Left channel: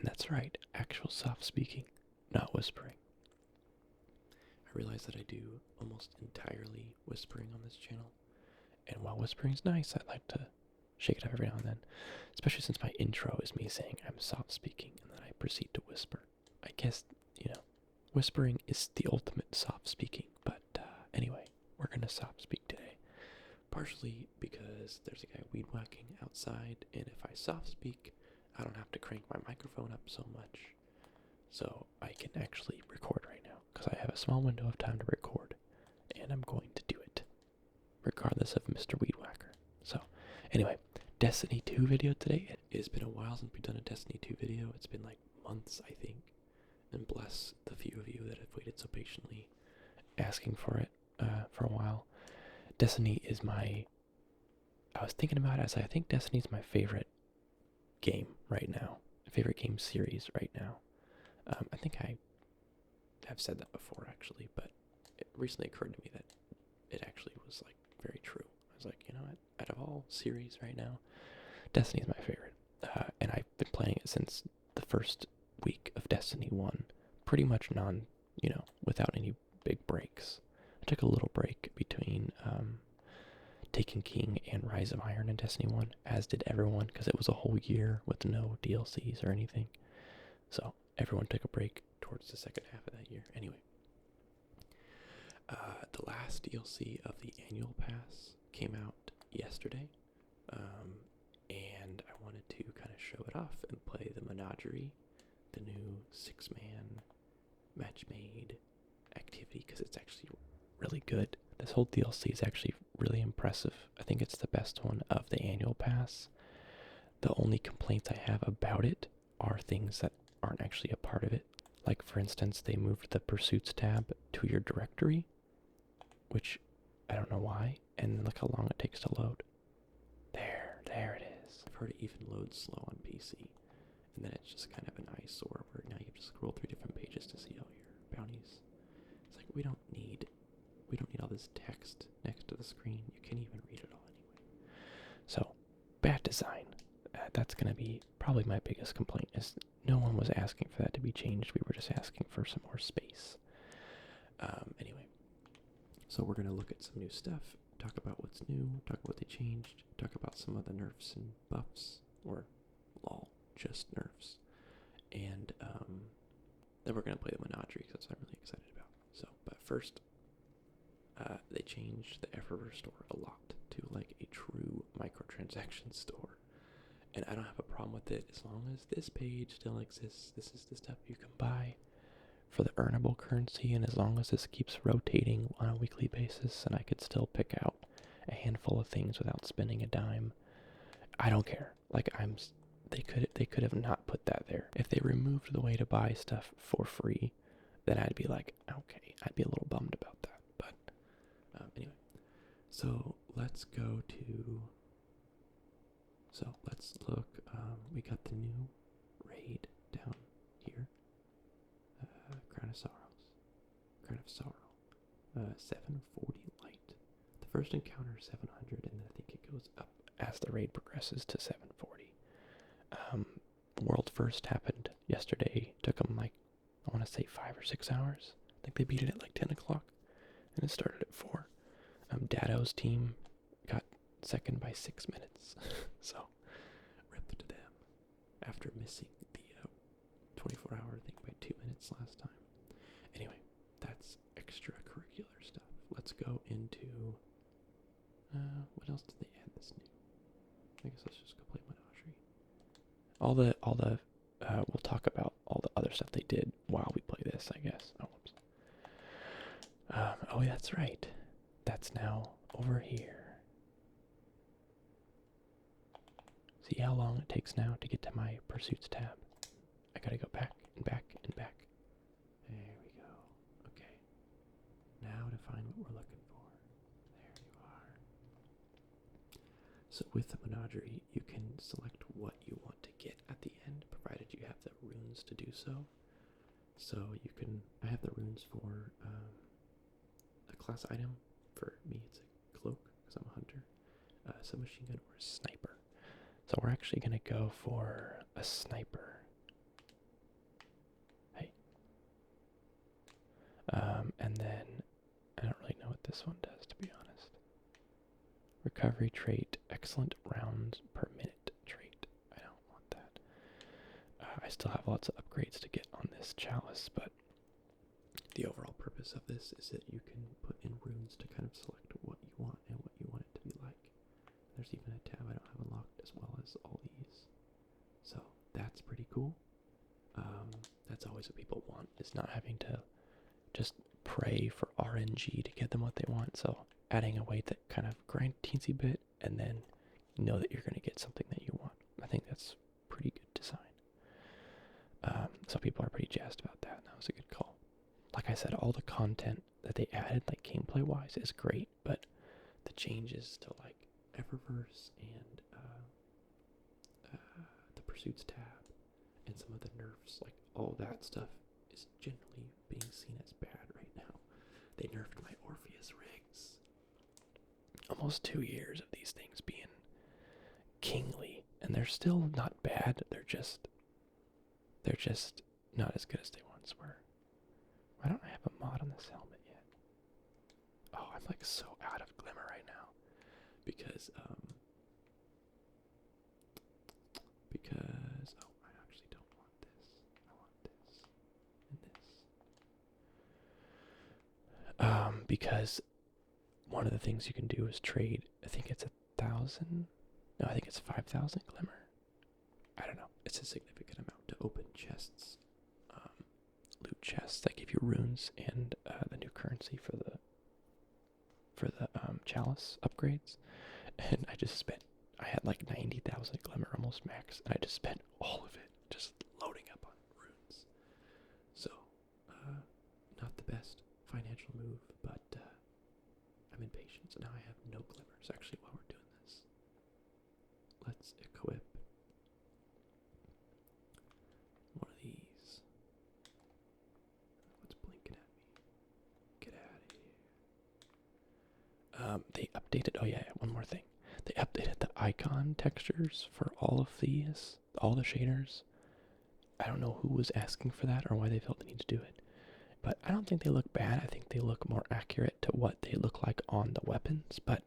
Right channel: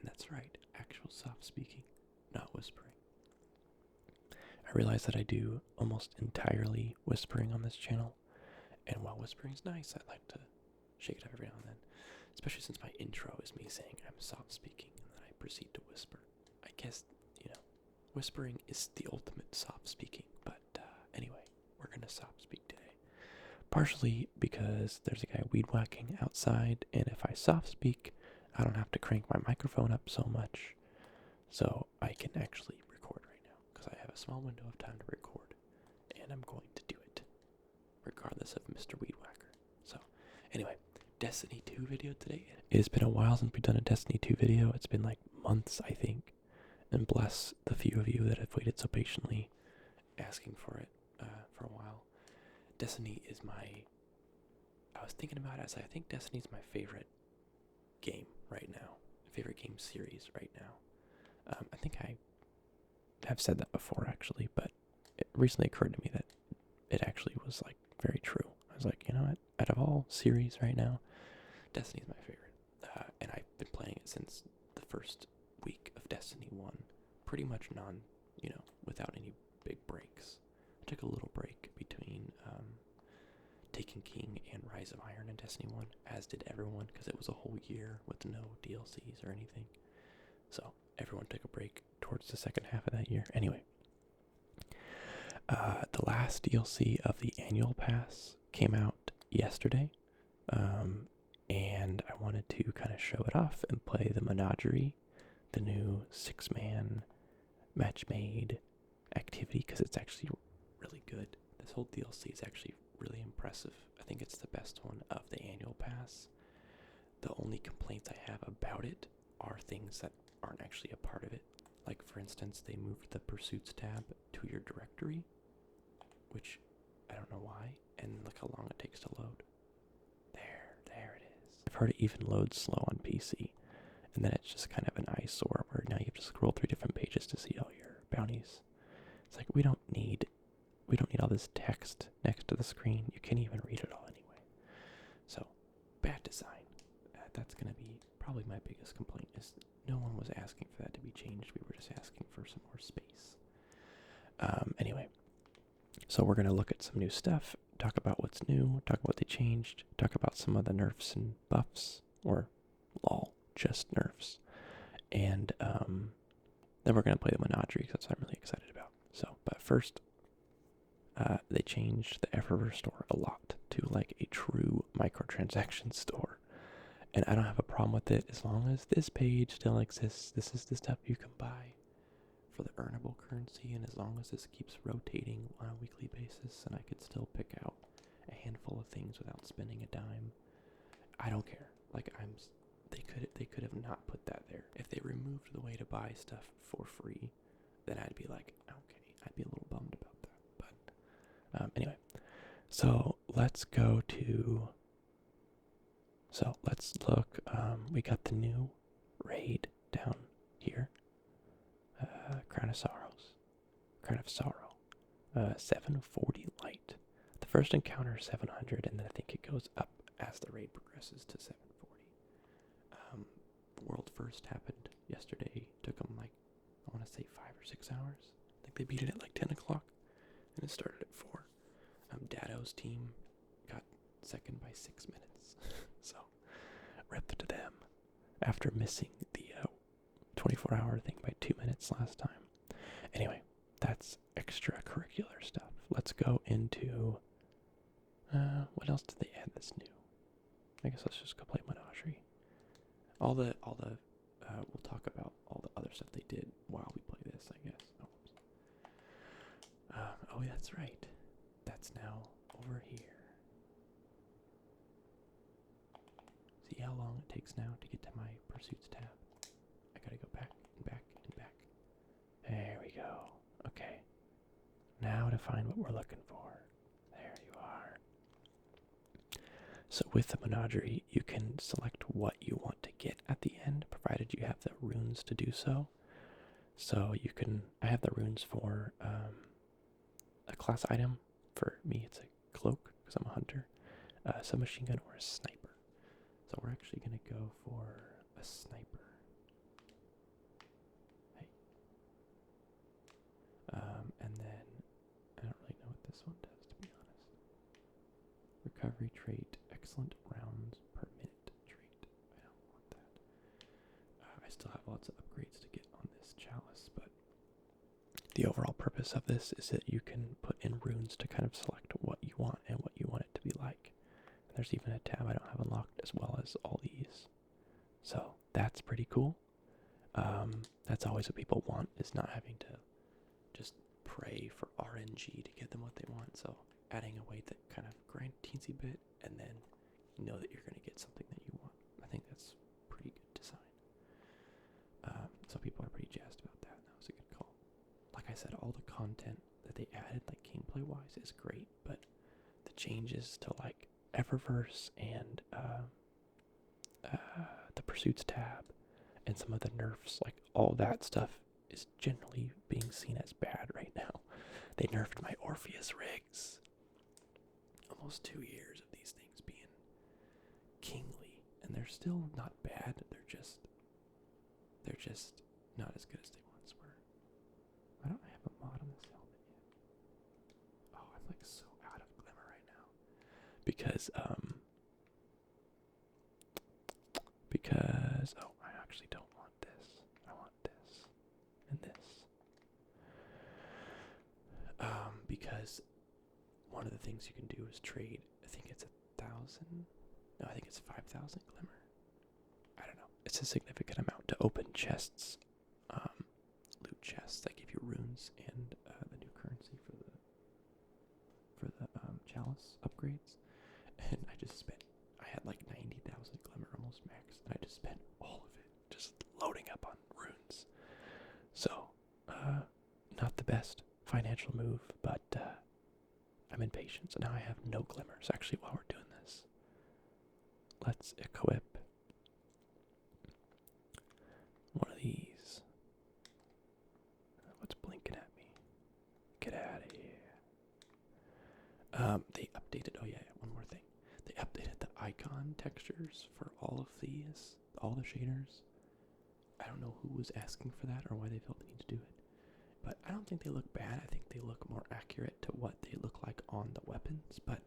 And that's right, actual soft speaking, not whispering. I realize that I do almost entirely whispering on this channel, and while whispering's nice, I like to shake it up every now and then, especially since my intro is me saying I'm soft speaking and then I proceed to whisper. I guess, whispering is the ultimate soft speaking, but anyway, we're gonna soft speak today. Partially because there's a guy weed whacking outside, and if I soft speak, I don't have to crank my microphone up so much, so I can actually record right now, because I have a small window of time to record, and I'm going to do it, regardless of Mr. Weed Whacker. So, anyway, Destiny 2 video today. It has been a while since we've done a Destiny 2 video. It's been like months, I think, and bless the few of you that have waited so patiently asking for it for a while. Destiny is I was thinking about it, I think Destiny's my favorite game right now, favorite game series right now. I think I have said that before actually, but it recently occurred to me that it actually was like very true. I was like, you know what, out of all series right now, Destiny is my favorite. And I've been playing it since the first week of Destiny 1, pretty much without any big breaks. I took a little break between Taken King and Rise of Iron in Destiny 1, as did everyone, because it was a whole year with no DLCs or anything. So everyone took a break towards the second half of that year. Anyway, the last DLC of the annual pass came out yesterday, and I wanted to kind of show it off and play the Menagerie, the new 6-man match-made activity, because it's actually really good. This whole DLC is actually really impressive. I think it's the best one of the annual pass. The only complaints I have about it are things that aren't actually a part of it. Like, for instance, they moved the Pursuits tab to your directory, which I don't know why, and look how long it takes to load. There it is. I've heard it even loads slow on PC, and then it's just kind of an eyesore where now you have to scroll through different pages to see all your bounties. It's like, we don't need all this text next to the screen. You can't even read it all anyway. So, bad design. That's going to be probably my biggest complaint, is no one was asking for that to be changed. We were just asking for some more space. Anyway, so we're going to look at some new stuff, talk about what's new, talk about what they changed, talk about some of the nerfs and buffs, or lol, just nerfs. And then we're going to play the Menagerie, because that's what I'm really excited about. So, but first, they changed the Eververse store a lot to like a true microtransaction store. And I don't have a problem with it as long as this page still exists. This is the stuff you can buy for the earnable currency, and as long as this keeps rotating on a weekly basis and I could still pick out a handful of things without spending a dime, I don't care. Like, they could have not put that there. If they removed the way to buy stuff for free, then I'd be like, okay, I'd be a little bummed about that. But anyway, so let's go to... So let's look, we got the new raid down here, Crown of Sorrow, 740 light. The first encounter is 700, and then I think it goes up as the raid progresses to 740. World first happened yesterday, took them like, I want to say 5 or 6 hours. I think they beat it at like 10 o'clock, and it started at 4. Dado's team got second by 6 minutes. So, rip to them after missing the 24-hour thing by 2 minutes last time. Anyway, that's extracurricular stuff. Let's go into... what else did they add that's new? I guess let's just go play Menagerie. We'll talk about all the other stuff they did while we play this, I guess. Oh, whoops. Oh, that's right. That's now over here. See how long it takes now to get to my Pursuits tab? I gotta go back and back and back. There we go. Okay. Now to find what we're looking for. There you are. So with the Menagerie, you can select what you want to get at the end, provided you have the runes to do so. So you can... I have the runes for a class item. For me, it's a cloak, because I'm a hunter, a submachine gun, or a sniper. So we're actually going to go for a sniper. this one does, to be honest. Recovery trait, excellent rounds per minute trait. I don't want that. I still have lots of upgrades to get on this chalice, but the overall purpose of this is that you can put in runes to kind of select what you want and what you want it to be like. And there's even a tab I don't have unlocked as well as all these. So that's pretty cool. That's always what people want, is not having to just pray for RNG to get them what they want. So adding a way that kind of grind teensy bit and then know that you're going to get something that you want. I think that's pretty good design. So people are pretty jazzed about that. That was a good call. Like I said, all the content that they added, like gameplay wise, is great, but the changes to like Eververse and the Pursuits tab and some of the nerfs, like all that stuff is generally being seen as bad right now. They nerfed my Orpheus rigs. Almost 2 years of these things being kingly, and they're still not bad. They're just not as good as they once were. Why don't I have a mod on this helmet yet? Oh, I'm like so out of glimmer right now. Because oh, I actually don't want this. I want this and this. Because one of the things you can do is trade, I think it's 1,000. No, I think it's 5,000 glimmer. I don't know. It's a significant amount to open chests, loot chests that give you runes and the new currency for the chalice upgrades. And I had like 90,000 glimmer, almost max, and I just spent all of it just loading up on runes. So, not the best financial move, but I'm impatient, so now I have no glimmers. Actually, while we're doing this, let's equip one of these. What's blinking at me? Get out of here. They updated, oh yeah, one more thing. They updated the icon textures for all of these, all the shaders. I don't know who was asking for that or why they felt the need to do it. But I don't think they look bad. I think they look more accurate to what they look like on the weapons. But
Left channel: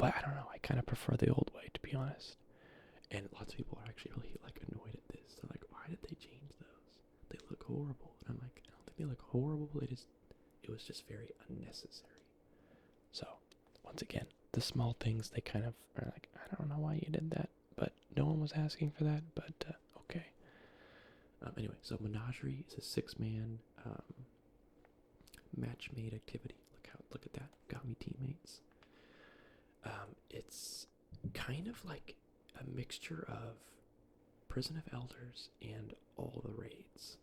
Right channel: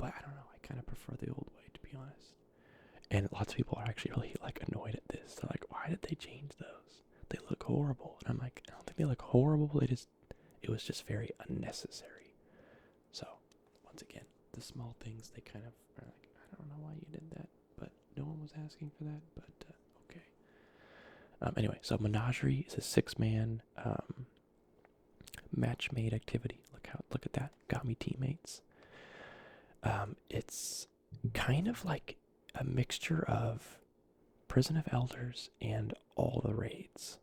I don't know. I kind of prefer the old way, to be honest. And lots of people are actually really like annoyed at this. They're like, why did they change those? They look horrible. And I'm like, I don't think they look horrible. It was just very unnecessary. So once again, the small things, they kind of are like, I don't know why you did that. But no one was asking for that. But okay. Anyway, so Menagerie is a 6-man match-made activity. Look at that. Got me teammates. It's kind of like a mixture of Prison of Elders and all the raids.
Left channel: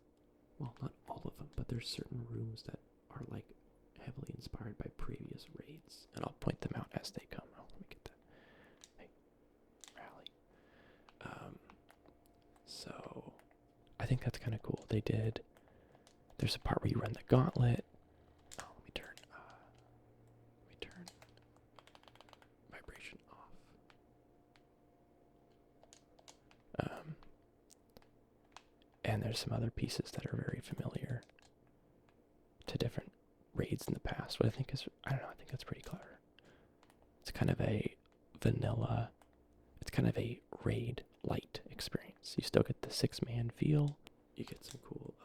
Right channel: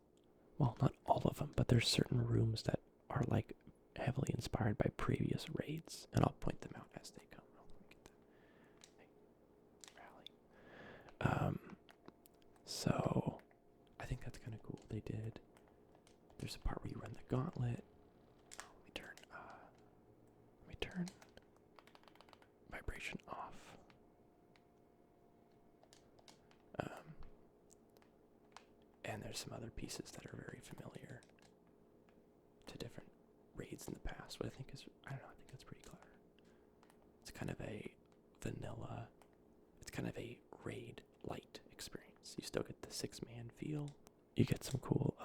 Well, not all of them, but there's certain rooms that are like heavily inspired by previous raids, and I'll point them out as they come. Oh, let me get that. Hey, rally. So I think that's kind of cool. There's a part where you run the gauntlet. Oh, let me turn vibration off. And there's some other pieces that are very familiar to different raids in the past. What I think that's pretty clever. It's kind of a vanilla, it's kind of a raid light experience. You still get the 6-man feel. You get some cool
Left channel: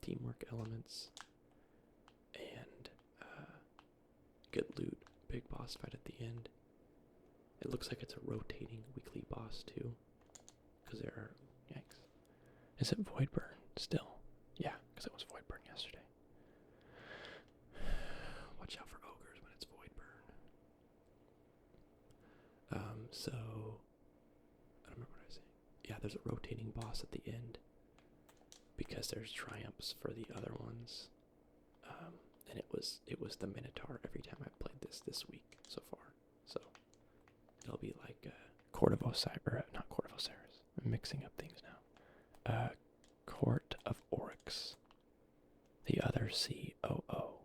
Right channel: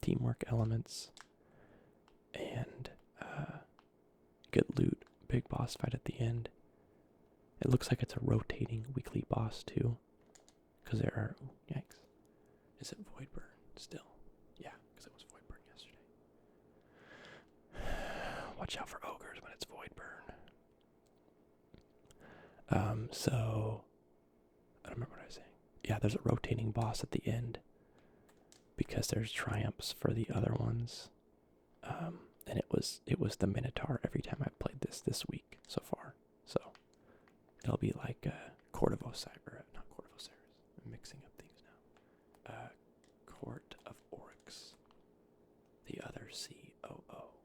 teamwork elements, and good loot. Big boss fight at the end. It looks like it's a rotating weekly boss too, because there are, yikes. Is it Voidburn still? Yeah, because it was Voidburn yesterday. Watch out for ogres when it's Voidburn. So I don't remember what I was saying. Yeah, there's a rotating boss at the end because there's triumphs for the other ones. And it was the Minotaur every time I played this week so far. So it'll be like Court of Osiris, not Court of Osiris. I'm mixing up things now. Court of Oryx, the other COO.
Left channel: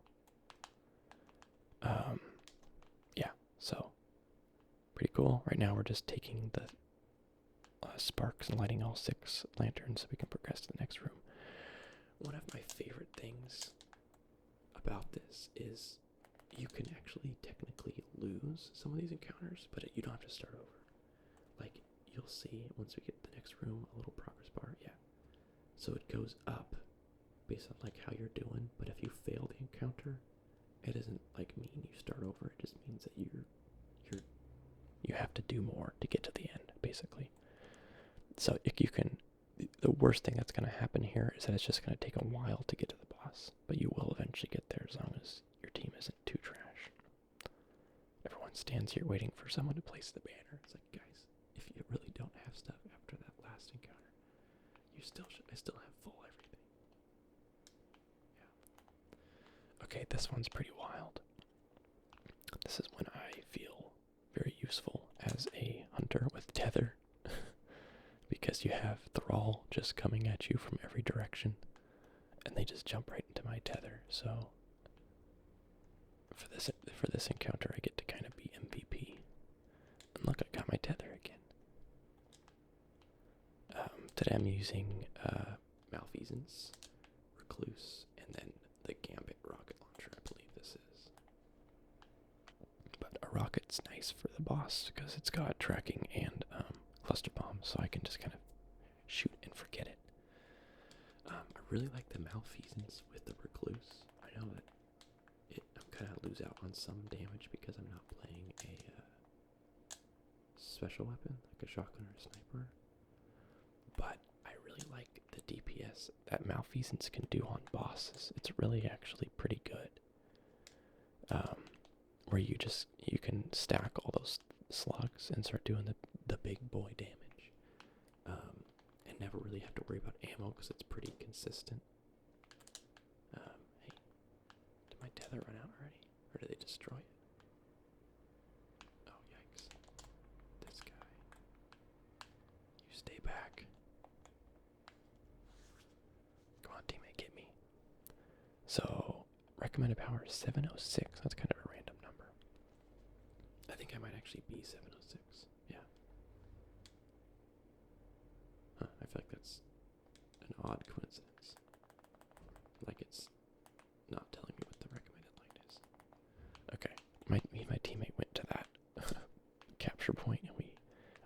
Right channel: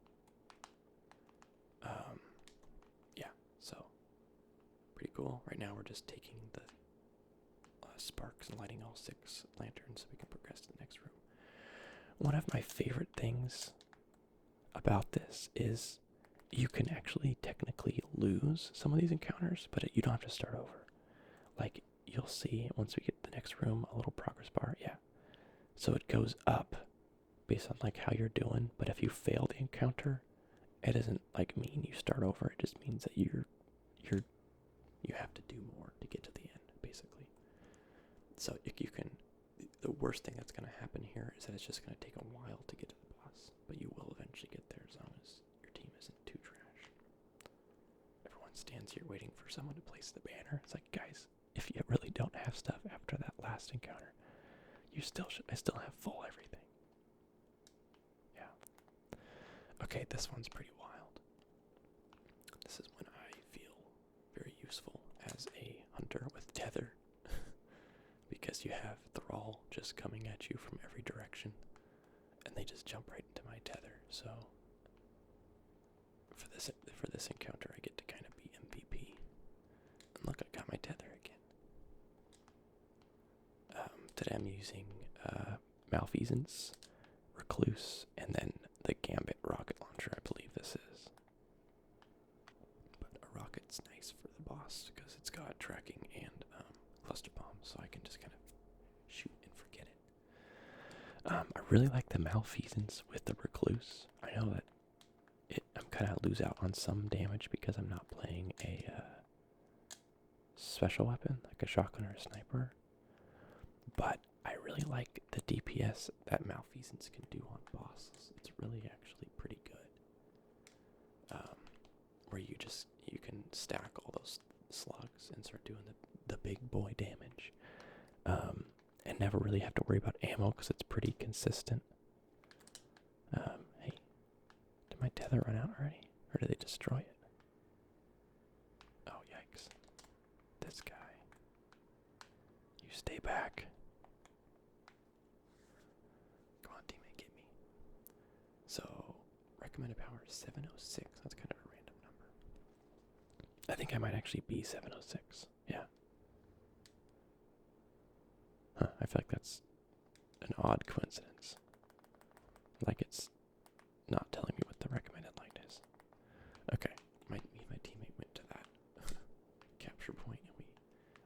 Yeah, so pretty cool. Right now we're just taking the sparks and lighting all 6 lanterns so we can progress to the next room. One of my favorite things about this is you can actually technically lose some of these encounters, but you don't have to start over. Like, you'll see once we get to the next room, a little progress bar, yeah. So it goes up based on like how you're doing, but if you fail the encounter, it doesn't like mean you start over. It just means that you have to do more to get to the end, basically. So if you can, the worst thing that's going to happen here is that it's just going to take a while to get to the boss, but you will eventually get there as long as your team isn't too trash. Everyone stands here waiting for someone to place the banner. It's like, guys, if you really don't have stuff after that last encounter, you still should. I still have full everything. Yeah. Okay, this one's pretty wild. This is when I feel very useful as a hunter with tether. Because you have Thrall just coming at you from every direction, and they just jump right into my tether. So for this encounter, I get to kind of be MVP. And look, I got my tether again. Today I'm using Malfeasance, Recluse, and then the Gambit rocket launcher. I believe this is. But a rocket's nice for the boss because it's got tracking and cluster bombs, so I can just kind of shoot and forget it. I really like the Malfeasance with the Recluse. I know that I'm kind of lose out on some damage because I'm not playing a special weapon like a shotgun or a sniper, but I really like the DPS that Malfeasance can do on bosses. It's really actually pretty good. Where you can stack all those slugs and start doing the big boy damage, and never really have to worry about ammo because it's pretty consistent. Hey, did my tether run out already, or did they destroy it? Oh, yikes. This guy. You stay back. Come on, teammate, get me. So, recommended power is 706. That's kind of a random number. I think I might actually be 706. Yeah. Huh, I feel like that's an odd coincidence. Like it's not telling me what the recommended light is. Okay, me and my teammate went to that capture point, and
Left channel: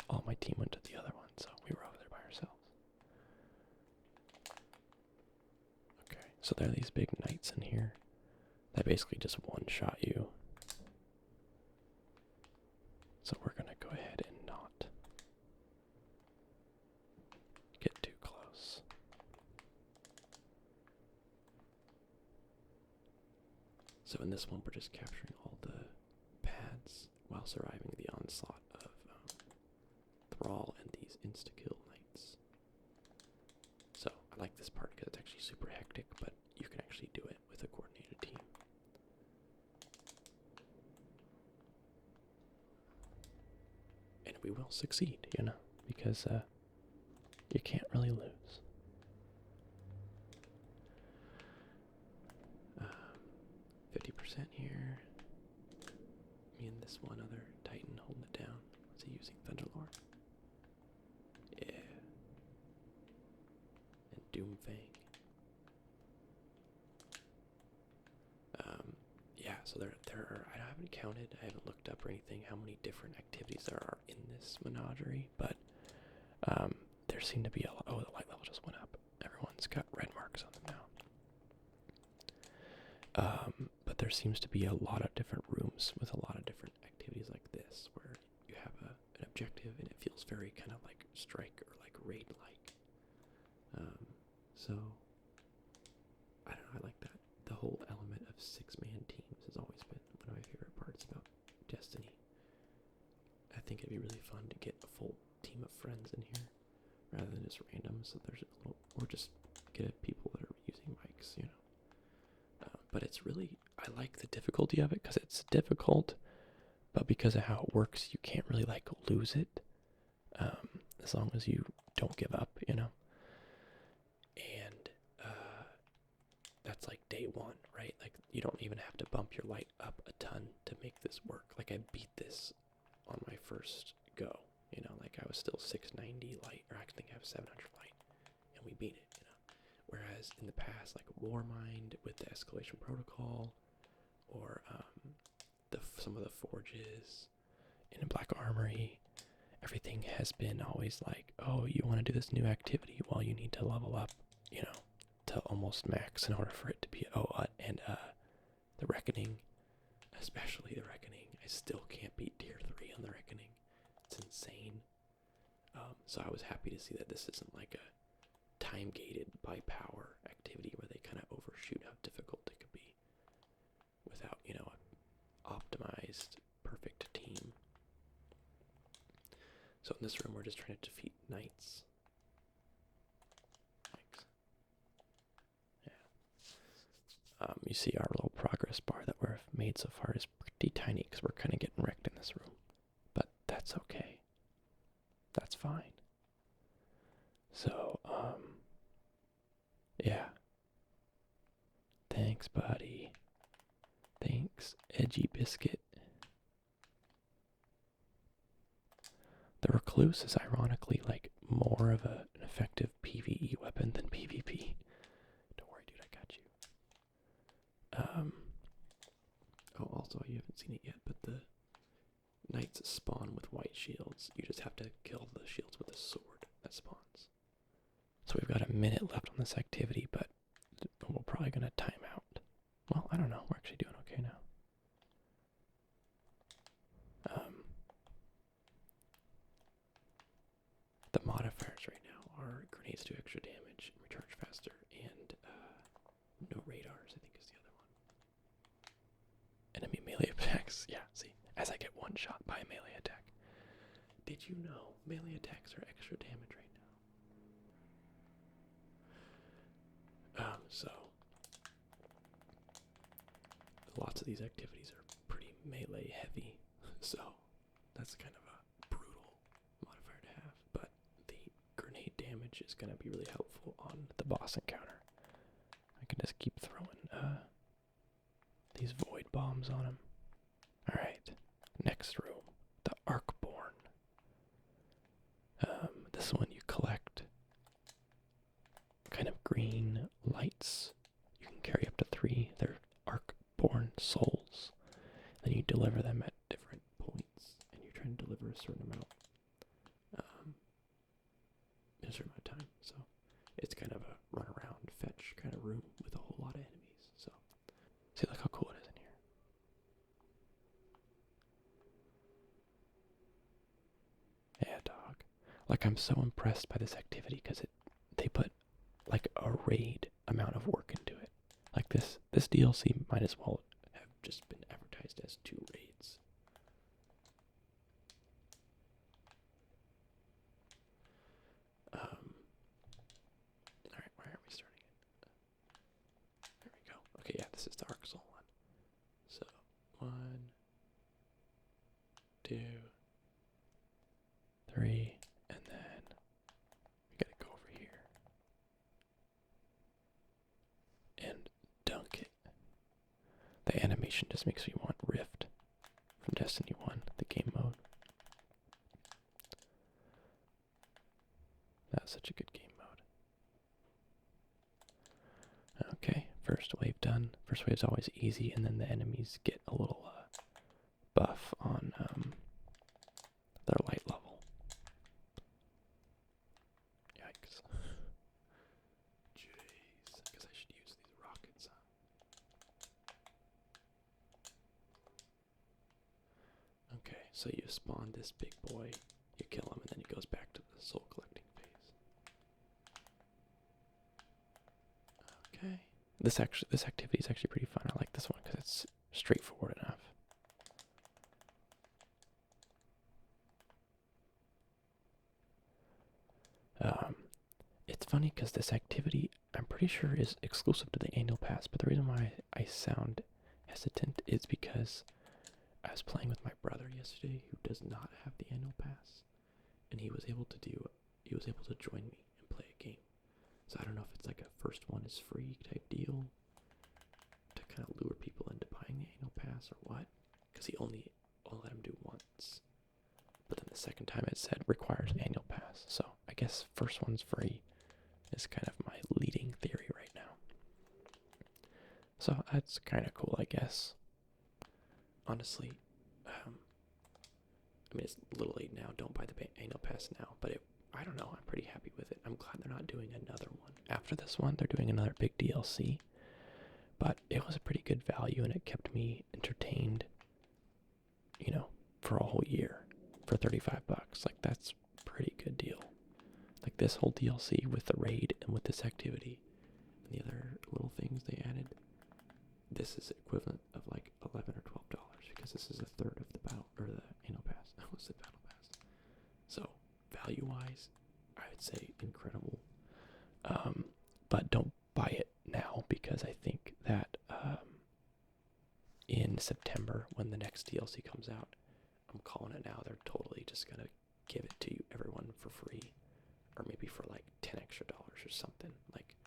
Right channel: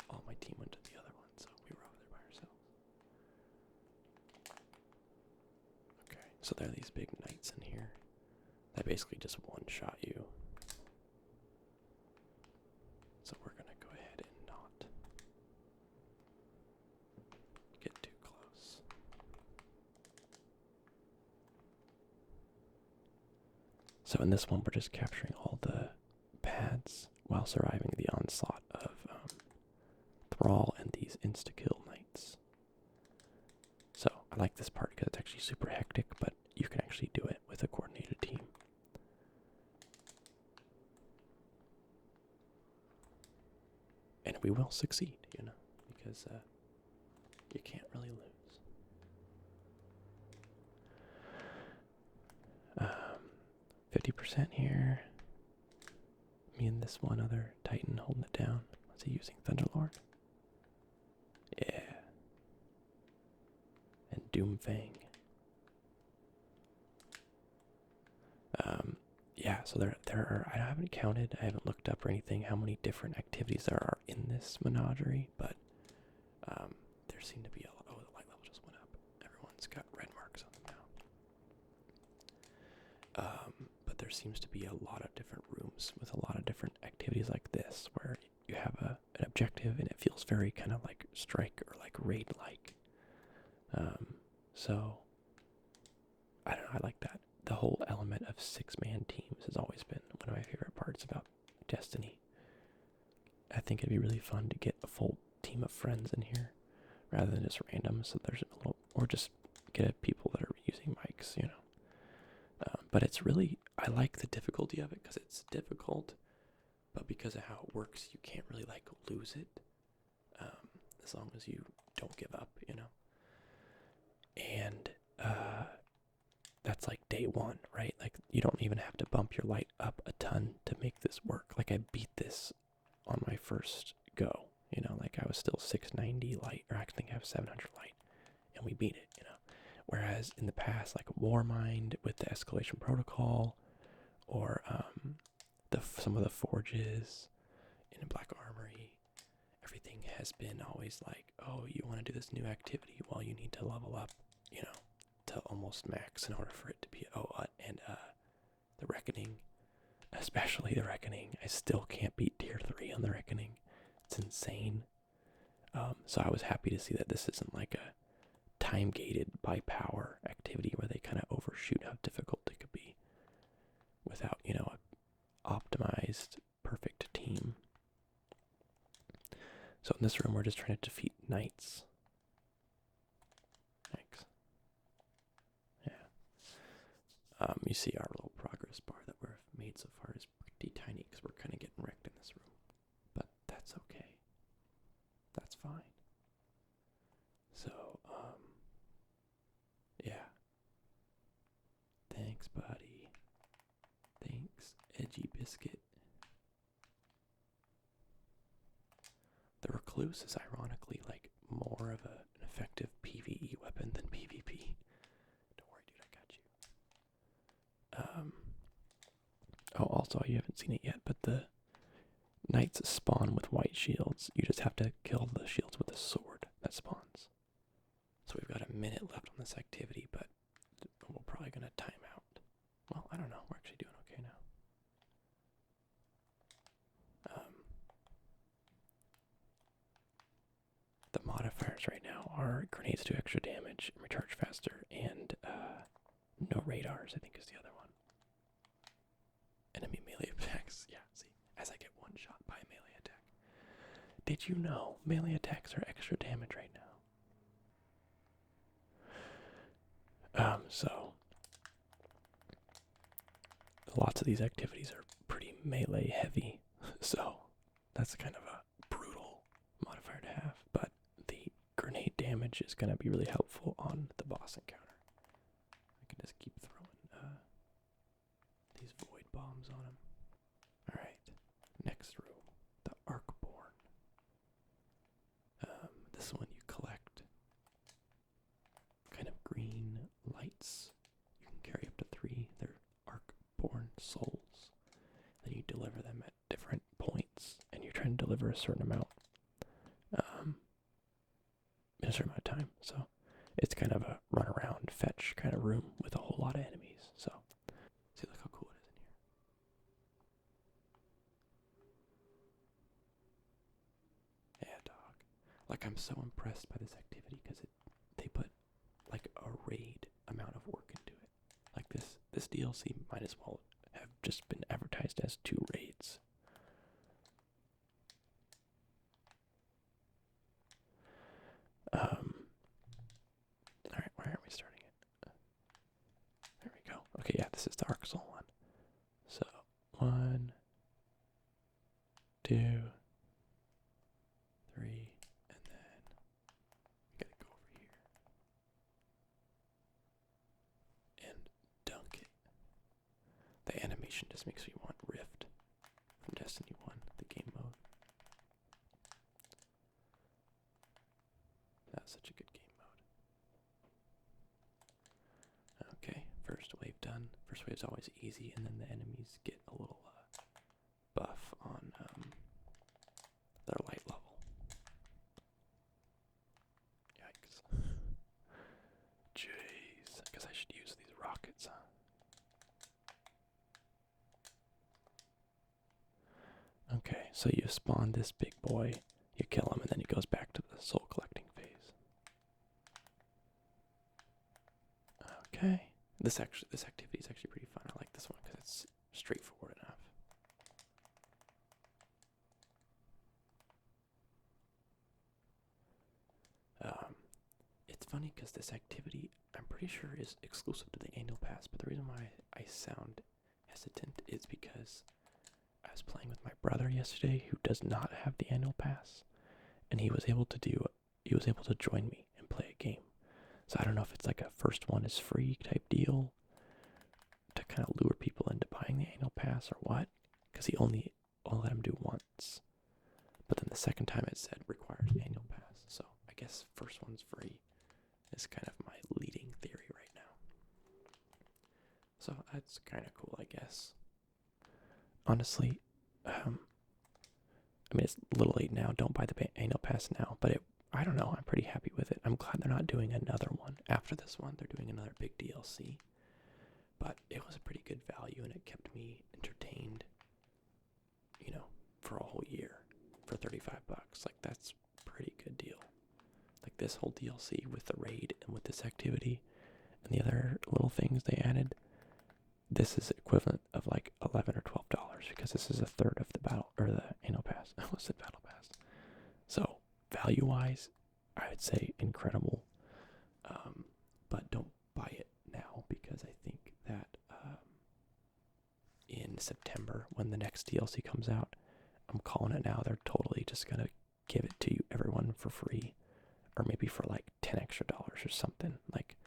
all my team went to the other one, so we were over there by ourselves. Okay, so there are these big knights in here that basically just one-shot you. So we're gonna go ahead and not get too close. So in this one, we're just capturing all the pads while surviving the onslaught of Thrall and these insta-kill knights. So I like this part because it's actually super hectic, but you can actually do it with a coordinated team. And we will succeed, because you can't really lose. 50% here. Me and this one other Titan holding it down. What's he using? Thunderlord? Yeah. And Doomfang. Yeah, so there are, I haven't counted, I haven't looked up or anything how many different activities there are in this Menagerie, but there seem to be a lot. Oh, the light level just went up. Everyone's got red marks on them now. But there seems to be a lot of different rooms with a lot of different activities like this, where you have an objective and it feels very kind of like strike or like raid-like. So, I don't know, I like that. The whole element of 6-man teams has always been one of my favorite parts about Destiny. I think it'd be really fun to get a full team of friends in here rather than just random. So there's a little, or just get people that are using mics, But it's really, I like the difficulty of it because it's difficult, but because of how it works, you can't really like lose it as long as you don't give up, And that's like day one, right? Like you don't even have to bump your light up a ton to make this work. Like I beat this on my first go, like I was still 690 light, or I think I have 700 light, and we beat it, Whereas in the past, like Warmind with the escalation protocol, or some of the forges in Black Armory, everything has been always like, oh, you want to do this new activity? Well, you need to level up, to almost max in order for it to be, the Reckoning, especially the Reckoning. I still can't beat tier 3 on the Reckoning. It's insane. So I was happy to see that this isn't like a time-gated by power activity where they kind of overshoot how difficult it could be without, an optimized, perfect team. So in this room, we're just trying to defeat knights. Thanks. Yeah. You see our little progress bar that we've made so far is pretty tiny because we're kind of getting wrecked in this room. But that's okay. That's fine. So, yeah. Thanks, buddy. Thanks, Edgy Biscuit. The Recluse is ironically like more of an effective PvE weapon than PvP. Don't worry, dude, I got you. Oh, also, you haven't seen it yet, but the knights spawn with white shields. You just have to kill the shields with a sword that spawns. So we've got a minute left on this activity, but we're probably going to time out. Well, I don't know. We're actually doing okay now. The modifiers right now are grenades do extra damage, recharge faster, and no radars, I think is the other one. Enemy melee attacks. Yeah, see, as I get one shot by a melee attack. Did you know melee attacks are extra damage right now? So lots of these activities are pretty melee heavy, so that's kind of a brutal modifier to have, but the grenade damage is going to be really helpful on the boss encounter. I can just keep throwing these void bombs on him. Alright, next room, the Arcborn. This one you collect kind of green lights. You can carry up to 3. They're Arcborn souls. Then you deliver them at different points, and you're trying to deliver a certain amount in a certain amount of time. So it's kind of a run around fetch kind of room with a whole lot of enemies. So see, look how cool it is in here. Yeah, dog. Like, I'm so impressed by this activity because they put like a raid amount of work into it. Like this DLC might as well have just been advertised as 2 raids. Alright, where are we starting it? There we go. Okay, yeah, this is the Arc Soul one. So, 1, 2, 3, and then we gotta go over here and dunk it. The animation just makes me want Rift from Destiny 1, the game mode. That was such a good game mode. Okay, first wave done. First wave's always easy, and then the enemies get a little buff on their light level. Yikes. Jeez, I guess I should use these rockets, huh? Okay, so you spawn this big boy, you kill him, and then he goes back to the soul collecting phase. Okay. This activity is actually pretty fun. I like this one because it's straightforward enough. It's funny because this activity, I'm pretty sure, is exclusive to the annual pass, but the reason why I sound hesitant is because I was playing with my brother yesterday who does not have the annual pass, and he was able to join me and play a game. So I don't know if it's like a first one is free type deal to kind of lure people into buying the annual pass or what, because he only let him do once. But then the second time it said requires annual pass. So I guess first one's free is kind of my leading theory So that's kind of cool, I guess. Honestly, I mean, it's a little late now. Don't buy the annual pass now. But I don't know. I'm pretty happy with it. I'm glad they're not doing another one. After this one, they're doing another big DLC. But it was a pretty good value, and it kept me entertained, you know, for a whole year for 35 bucks. Like, that's a pretty good deal. Like, this whole DLC with the raid and with this activity and the other little things they added, this is equivalent of like $11 or $12 because this is a third of the battle or the annual pass. I almost said battle pass. So value-wise, I would say incredible. But don't buy it now because I think that in September when the next DLC comes out, I'm calling it now. They're totally just gonna give it to you, everyone, for free, or maybe for like $10 extra or something. Like,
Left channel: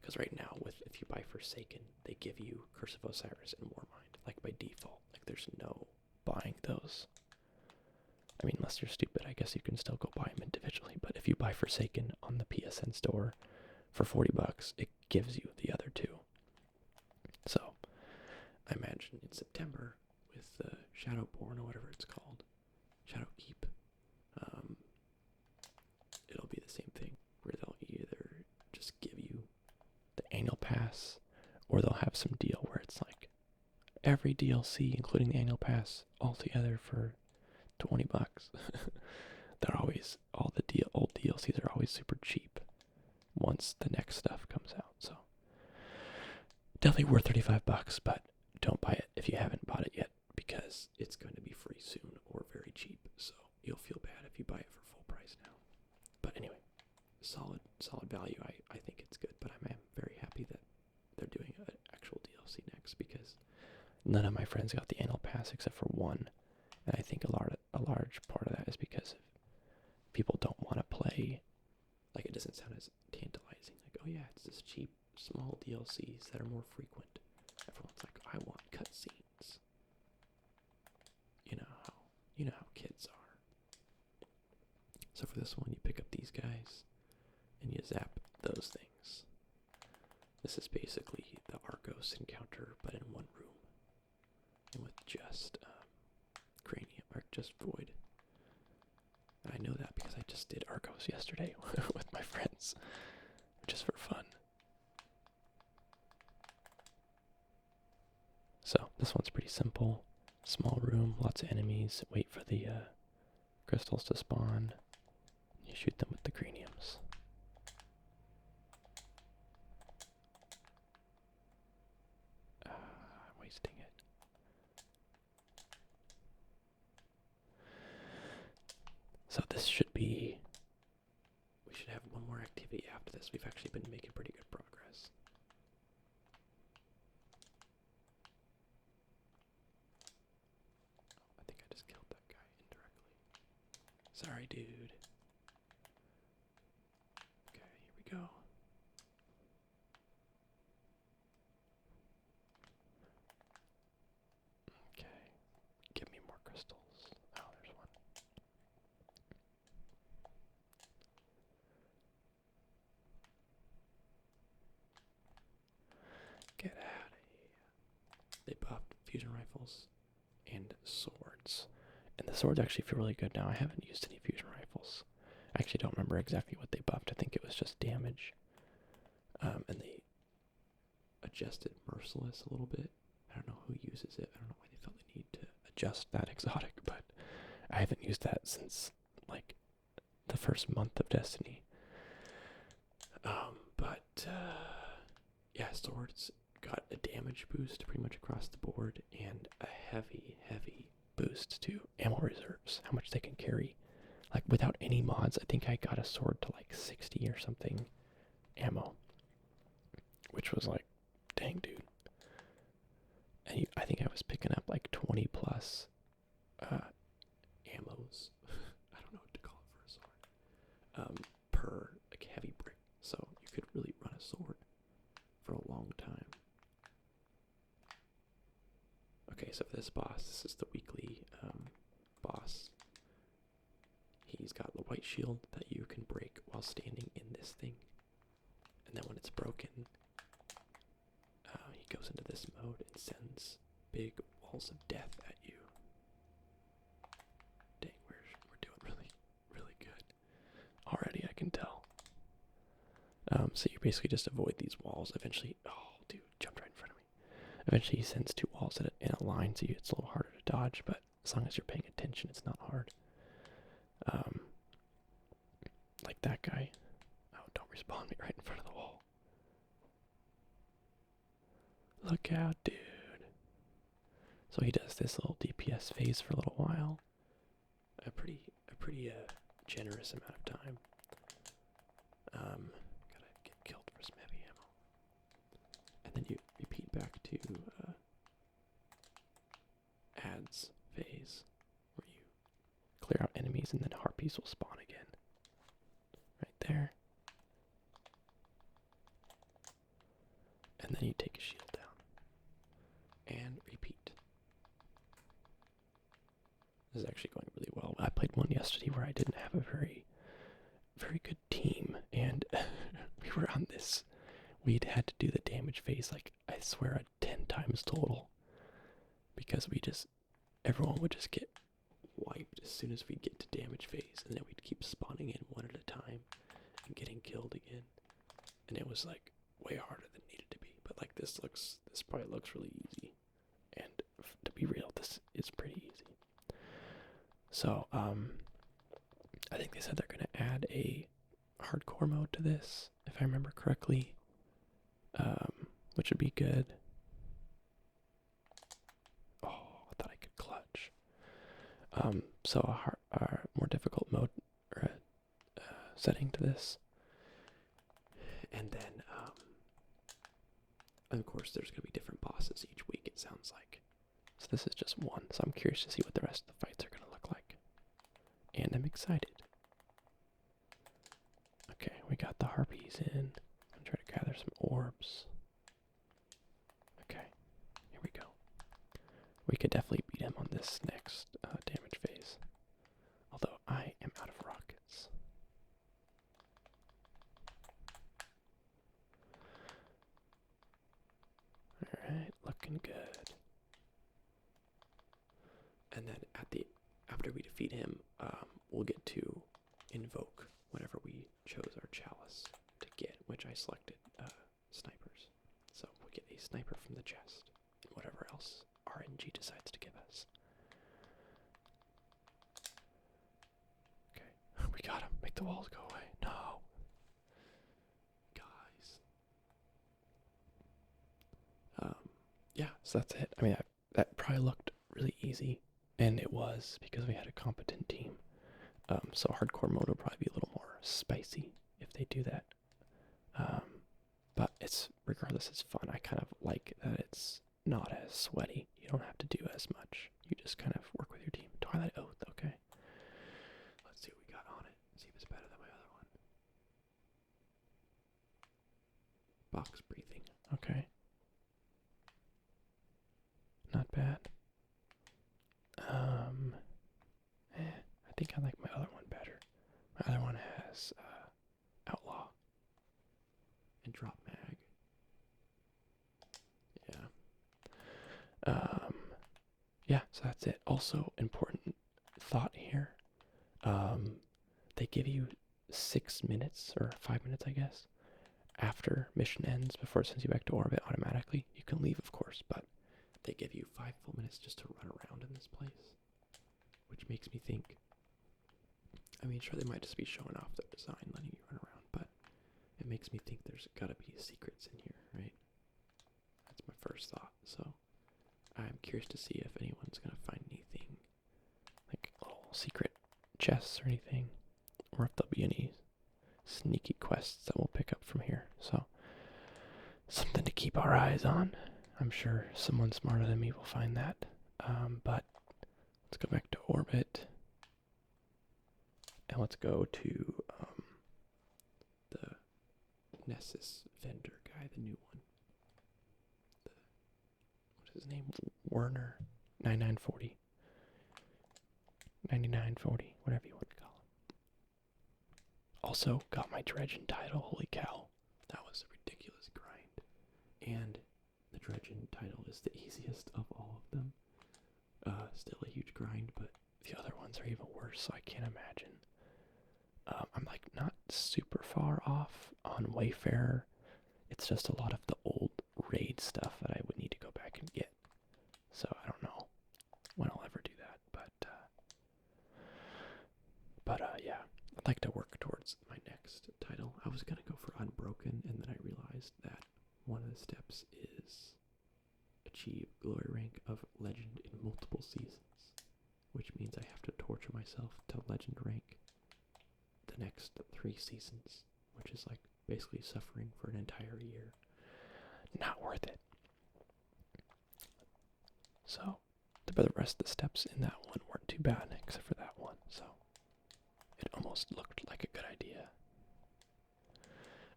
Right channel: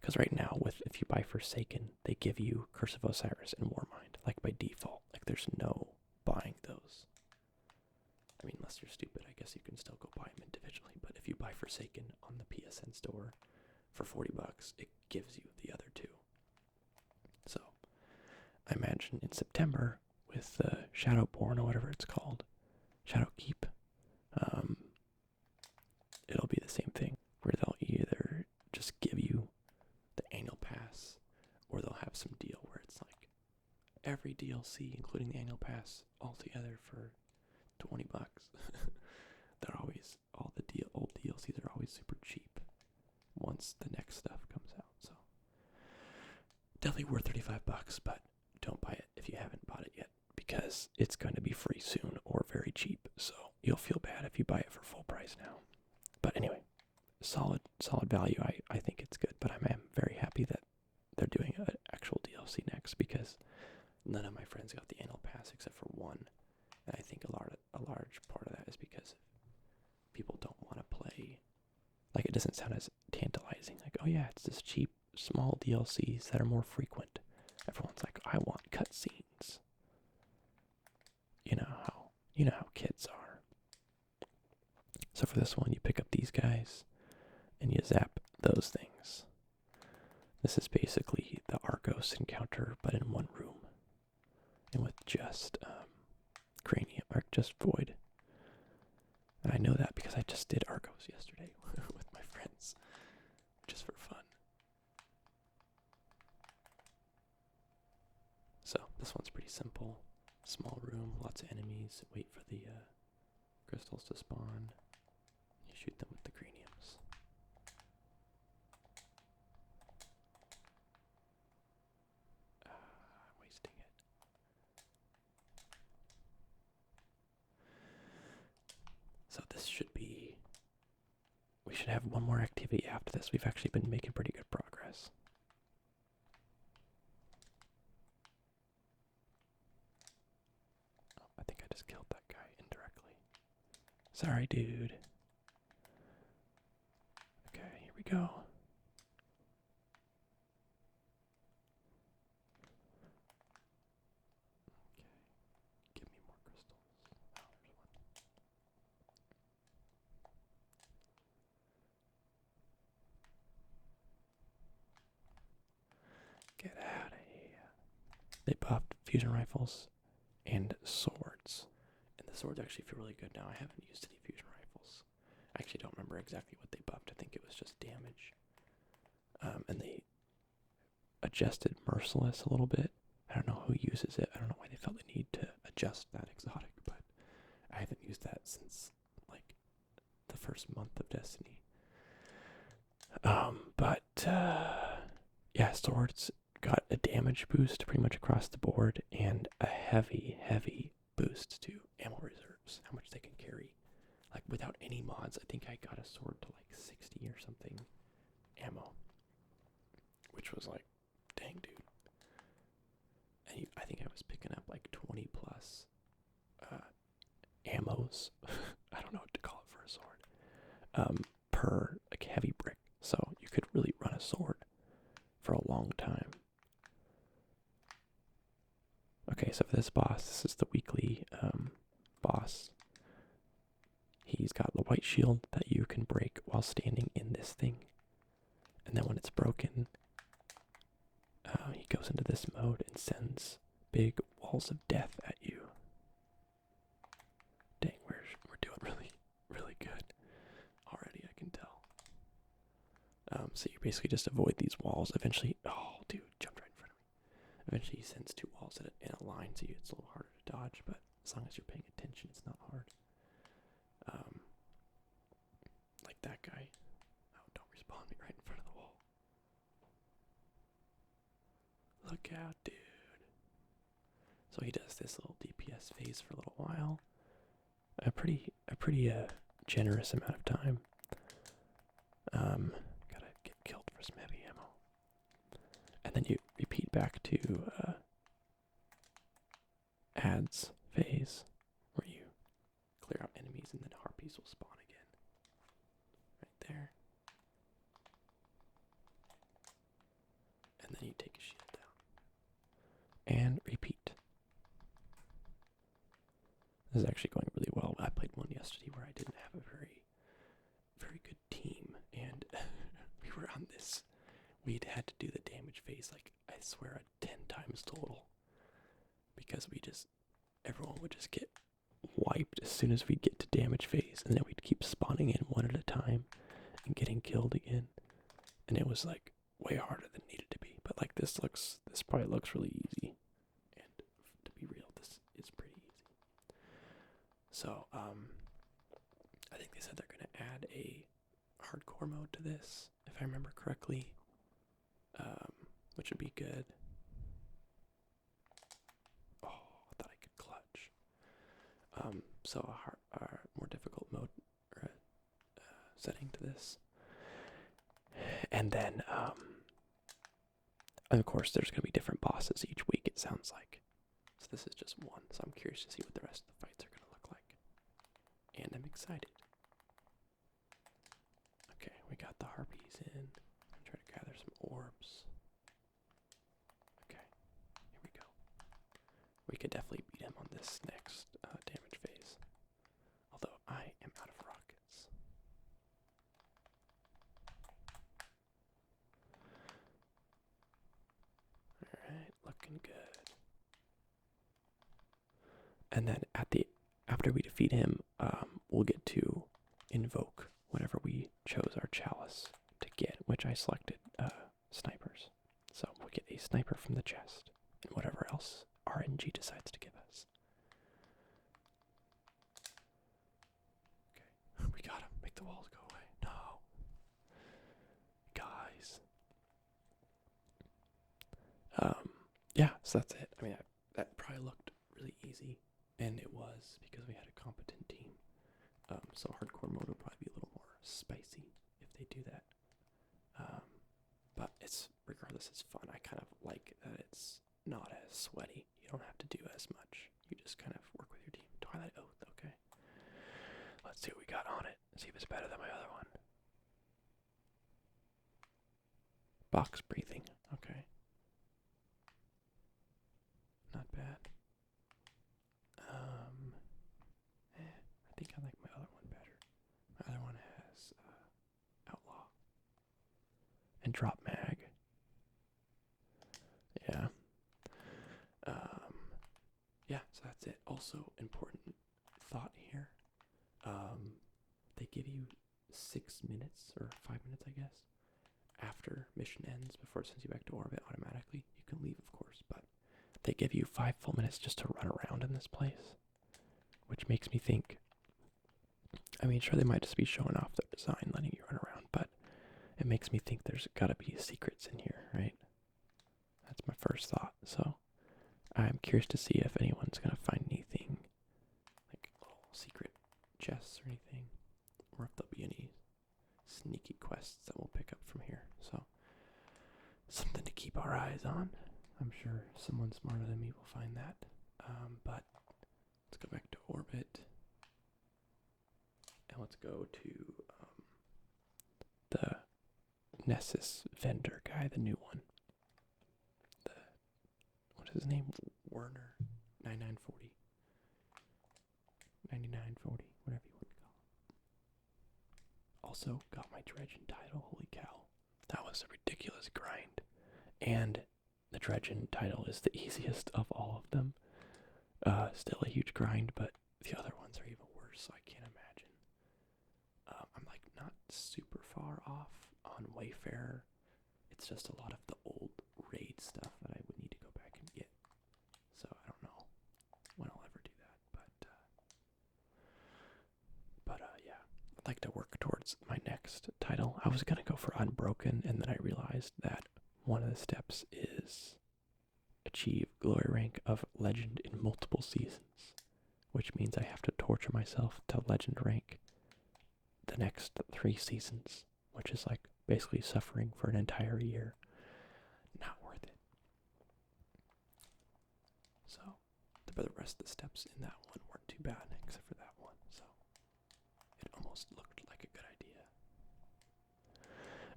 because right now, if you buy Forsaken, they give you Curse of Osiris and Warmind, like by default. Like, there's no buying those. I mean, unless you're stupid, I guess you can still go buy them individually. But if you buy Forsaken on the PSN store for 40 bucks, it gives you the other two. So, I imagine in September with Shadowborn or whatever it's called, Shadowkeep, it'll be the same thing where they'll either just give you the annual pass, or they'll have some deal where it's like every DLC, including the annual pass, all together for 20 bucks. They're always, all the old DLCs are always super cheap once the next stuff comes out. So definitely worth 35 bucks, but don't buy it if you haven't bought it yet because it's going to be free soon or very cheap. So you'll feel bad if you buy it for full price now. But anyway, solid value. I think it's good, but I'm very happy that they're doing an actual DLC next because none of my friends got the annual pass except for one, and I think a large part of that is because people don't want to play. Like, it doesn't sound as tantalizing. Like, oh yeah, it's this cheap small DLCs that are more frequent. Everyone's like, I want cutscenes. You know how kids are. So for this one, you pick up these guys and you zap those things. This is basically the Argos encounter, but in one room. And with just Cranium, or just Void. And I know that because I just did Argos yesterday with my friends, just for fun. So this one's pretty simple. Small room, lots of enemies. Wait for the crystals to spawn. You shoot them with the craniums. I'm wasting it. So this should be... We should have one more activity after this. We've actually been making pretty good progress. Oh, I think I just killed that guy indirectly. Sorry, dude. Okay, here we go. Okay, give me more crystals. Oh, there's one. Get out of here. They buffed fusion rifles and swords. And the swords actually feel really good now. I haven't used any fusion rifles. I actually don't remember exactly what they buffed. I think it was just damage. And they adjusted Merciless a little bit. I don't know who uses it. I don't know why they felt the need to adjust that exotic, but I haven't used that since, like, the first month of Destiny. Yeah, swords got a damage boost pretty much across the board and a heavy boost to ammo reserves, how much they can carry. Like, without any mods, I think I got a sword to like 60 or something ammo, which was like, dang, dude. And I think I was picking up like 20 plus ammos. I don't know what to call it for a sword. Per like heavy brick, so you could really run a sword for a long time. Okay, so for this boss, this is the weekly boss. He's got the white shield that you can break while standing in this thing. And then when it's broken, he goes into this mode and sends big walls of death at you. Dang, we're doing really, really good. Already, I can tell. So you basically just avoid these walls. Eventually, oh, dude, jumped right in front of me. Eventually, he sends 2 walls in a line, so it's a little harder to dodge, but as long as you're paying attention, it's not hard. Like that guy. Oh, don't respawn me right in front of the wall. Look out, dude. So he does this little DPS phase for a little while. A pretty generous amount of time. Gotta get killed for some heavy ammo. And then you repeat back to ads phase, where you clear out enemies and then harpies will spawn again. Right there. And then you take a shield down. And repeat. This is actually going really well. I played one yesterday where I didn't have a very good team, and we were on this. We'd had to do the damage phase, like, I swear, 10 times total. Because everyone would just get wiped as soon as we'd get to damage phase, and then we'd keep spawning in one at a time and getting killed again. And it was, like, way harder than it needed to be. But, like, this probably looks really easy. And to be real, this is pretty easy. So, I think they said they're going to add a hardcore mode to this, if I remember correctly, which would be good. Oh, I thought I could clutch. So a more difficult mode or a setting to this, and then of course there's going to be different bosses each week. It sounds like. So this is just one. So I'm curious to see what the rest of the fights are going to look like, and I'm excited. Okay, we got the harpies in. I'm trying to gather some orbs. Okay, here we go. We could definitely beat him on this next damage phase. Although I am out of rockets. Alright, looking good. And then after we defeat him, we'll get to invoke whatever we chose our chalice to get, which I selected snipers. So we'll get a sniper from the chest, and whatever else RNG decides to give us. Okay, we got him. Make the walls go away. No. Guys. Yeah, so that's it. I mean, that probably looked really easy, and it was because we had a competent team. So hardcore mode will probably be a little more spicy if they do that. But regardless, it's fun. I kind of like that it's not as sweaty. You don't have to do as much. You just kind of work with your team. Twilight Oath, okay. Let's see what we got on it. See if it's better than my other one. Box breathing, okay. Not bad. I think I like my other one better. My other one has Outlaw and Drop Mag. Yeah. Yeah, so that's it. Also, important thought here. They give you 6 minutes, or 5 minutes, I guess, after mission ends, before it sends you back to orbit automatically. You can leave, of course, but they give you 5 full minutes just to run around in this place, which makes me think, I mean, sure, they might just be showing off their design, letting you run around, but it makes me think there's gotta be secrets in here, right? That's my first thought, so I'm curious to see if anyone's gonna find anything, like little secret chests or anything, or if there'll be any sneaky quests that we'll pick up from here, so something to keep our eyes on. I'm sure someone smarter than me will find that, but let's go back to orbit, and let's go to the Nessus vendor guy, the new one. What is his name? Werner 9940. 9940, whatever you want to call him. Also got my Dredgen title, holy cow. That was a ridiculous grind. And the Dredgen title is the easiest of all of them. Still a huge grind, but the other ones are even worse, so I can't imagine. I'm like not super far off on Wayfarer. It's just a lot of the old raid stuff that I would need to go back and get. So I don't know when I'll ever do that, but yeah, I'd like to work towards my next title. I was gonna go for Unbroken, and then I realized that one of the steps is achieve glory rank of legend in multiple seasons, which means I have to torture myself to legend rank the next 3 seasons, which is like basically suffering for an entire year. Not worth it. So, but the rest of the steps in that one weren't too bad, except for that one, so it almost looked like a good idea.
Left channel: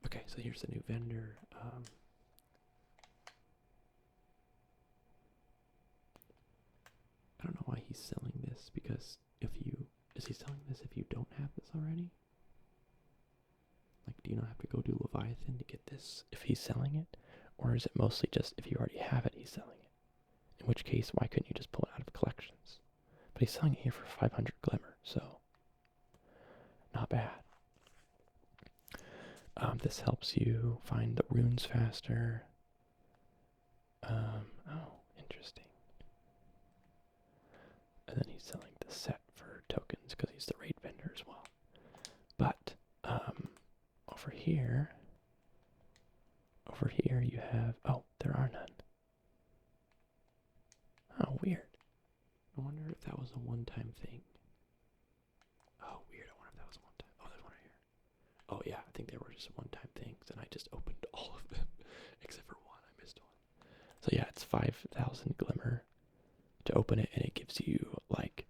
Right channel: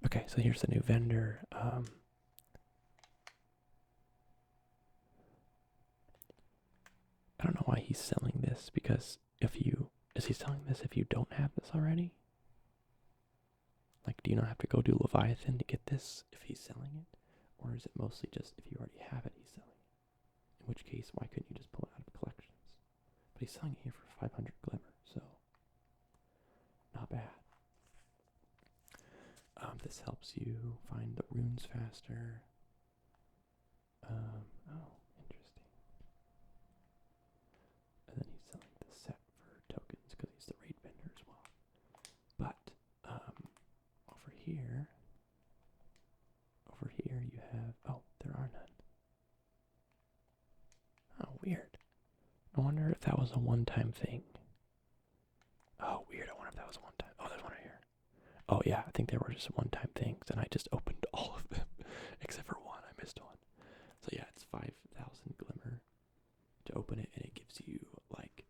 Okay, so here's the new vendor. I don't know why he's selling this, because is he selling this if you don't have this already? Like, do you not have to go do Leviathan to get this if he's selling it? Or is it mostly just if you already have it, he's selling it? In which case, why couldn't you just pull it out of collections? But he's selling it here for 500 glimmer, so not bad. This helps you find the runes faster. Oh, interesting. And then he's selling the set for tokens because he's the raid vendor as well. But over here you have, oh, there are none. Oh, weird. I wonder if that was a one-time thing. Oh, weird. I wonder if that was a one-time. Oh, there's one right here. Oh, yeah, I think they were just one-time things, and I just opened all of them, except for one. I missed one. So yeah, it's 5,000 glimmer to open it, and it gives you, like,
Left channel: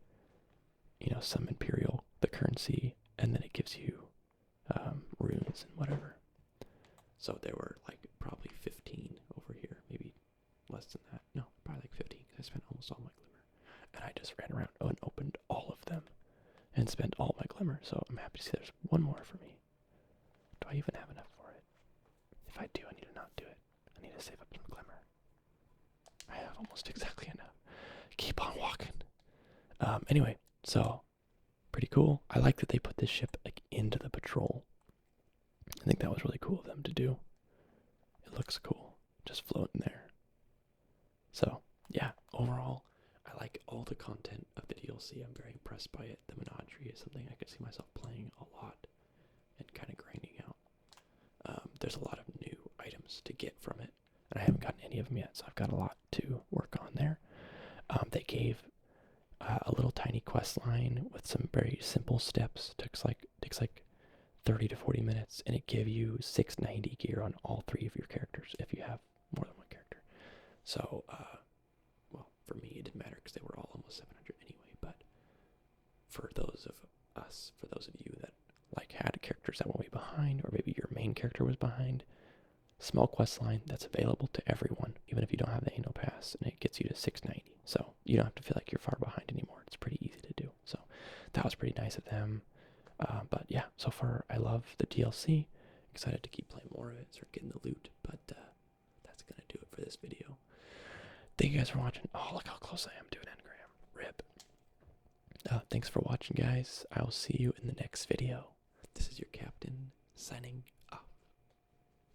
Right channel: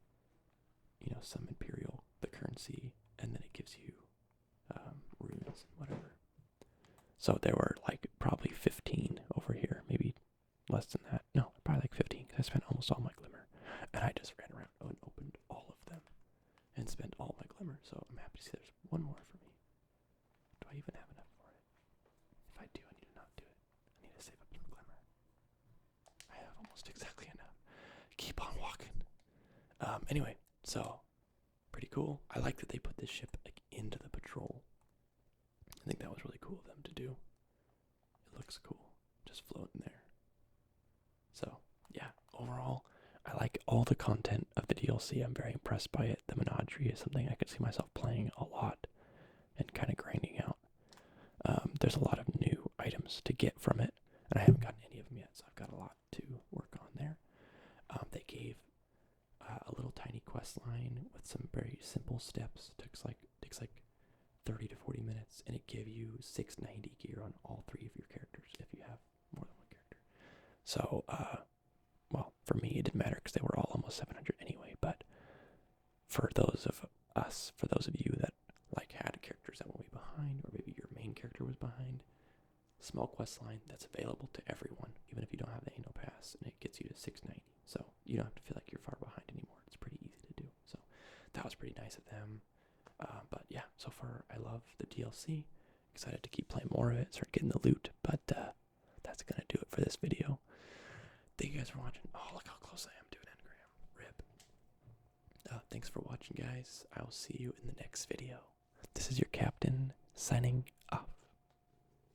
some Imperial, the currency, and then it gives you runes and whatever. So there were, like, probably 15 over here, maybe less than that. No, probably like 15, because I spent almost all my glimmer. And I just ran around and opened all of them and spent all my glimmer, so I'm happy to see there's one more for me. Do I even have enough for it? If I do, I need to not do it. I need to save up some glimmer. I have almost exactly enough. Keep on walking. Anyway, so pretty cool. I like that they put this ship like into the patrol. I think that was really cool of them to do. It looks cool, just floating there. So yeah, overall, I like all the content of the DLC. I'm very impressed by it. The Menagerie is something I could see myself playing a lot and kind of grinding out. There's a lot of new items to get from it, and I haven't gotten any of them yet, so I've got a lot to work on there. They gave a little tiny quest line with some very simple steps. Takes like 30 to 40 minutes, and it gave you 690 gear on all 3 of your characters if you have more than one character. So, well, for me it didn't matter because they were all almost 700 anyway, but for those of us, for those of you that like had characters that were way behind, or maybe your main character was behind, small quest line that's available to everyone, even if you don't have the annual pass, and it gets you to 690. So you don't have to feel like you're far behind anymore. It's pretty easy to do. So that was pretty nice of them. But yeah, so far I love the DLC. Excited to keep playing more of it, start getting the loot. But that's gonna do it for this video. Thank you guys for watching. Oh, look how close I am to an engram. Rip. Thanks for watching, guys. I will see you in the next video. This is your captain, signing off.